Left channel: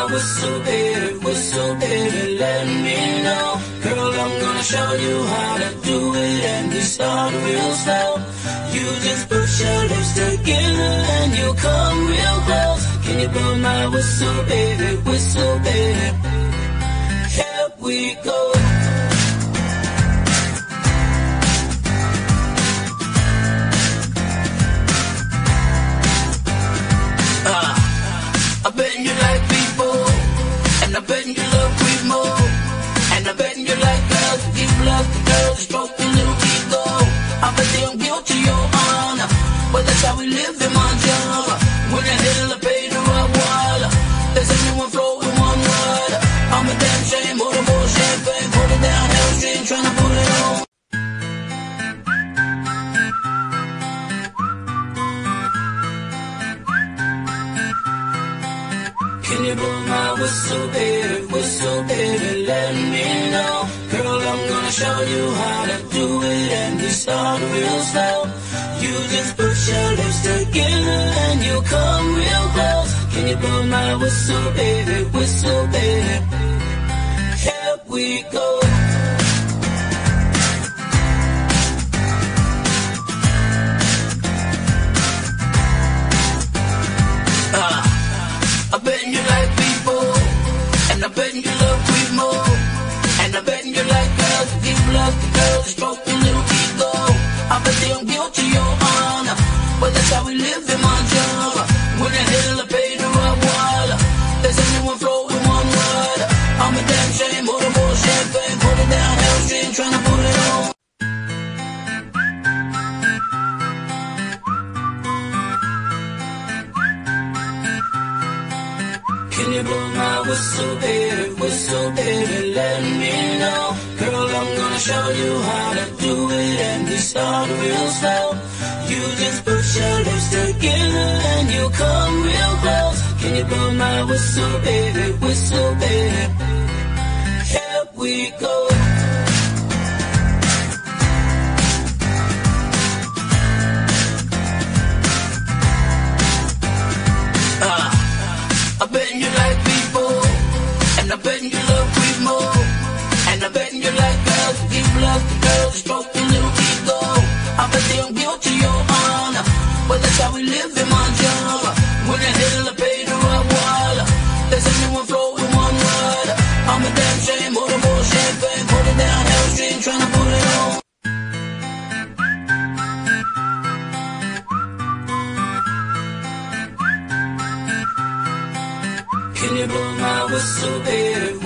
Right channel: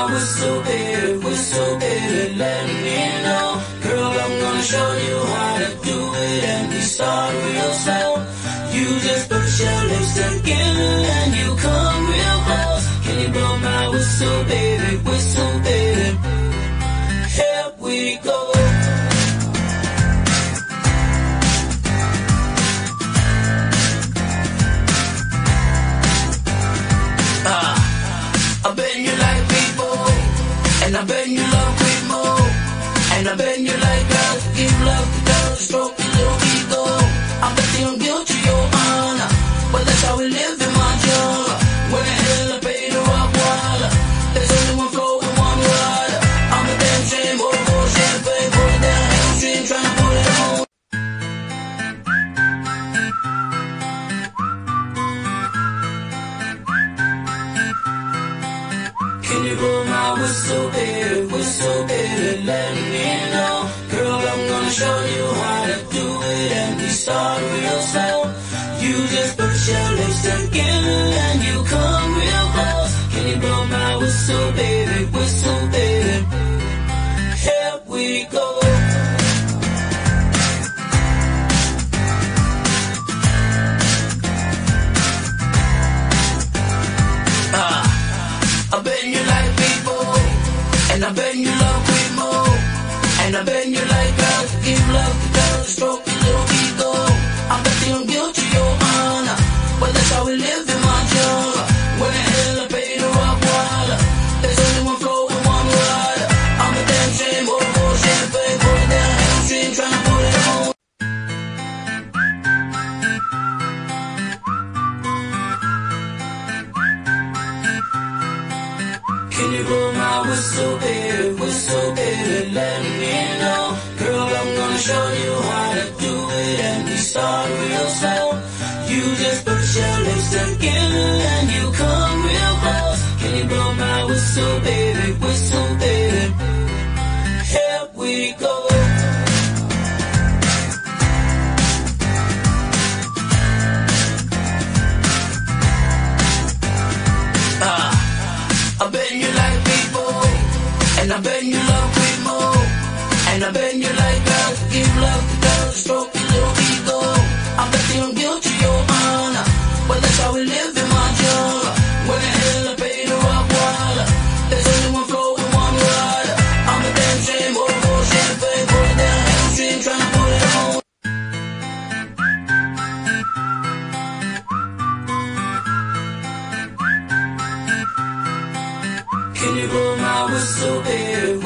my whistle, baby, let me know. Girl, I'm gonna show you how to do it, and we start real slow. You just push your lips together and you come real close. Can you blow my whistle, baby, here we go. I bet you like people, and I bet you love me more, and I bet you like girls who give love to girls who stroke your little ego. I bet they don't guilt your honor, but that's how we live in my genre. When the hell I pay to rock water, there's only one flow and one water. I'm a damn shame, order more champagne, put it down, hamstring, trying to put it on. Can you blow my whistle, baby, let me know. Girl, I'm gonna show you how to do it, and we start real slow. You just push your lips together and you come real close. Can you blow my whistle, baby, here we go. I bet you like people, and I bet you love me more, and I bet you like girls who give love to girls who stroke your little ego. I bet they don't guilt your honor, but that's how we live in my genre. When the hell I pay to rock water, there's only one flow and one water. I'm a damn shame, order more champagne, put it down, hamstring, trying to put it on. Can you blow my whistle, baby, let me know. Girl, I'm gonna show you how to do it, and we start real slow. You just push your lips together and you come real close. Can you blow my whistle, baby, here we go. I bet you like people, and I bet you love me more, and I bet you like girls who give love to girls who stroke your little ego. I bet they don't guilt your honor, but that's how we live in my genre. When the hell I pay to rock water, there's only one flow and one water. I'm a damn shame, order more champagne, put it down, hamstring, trying to put it on. Can you blow my whistle, baby,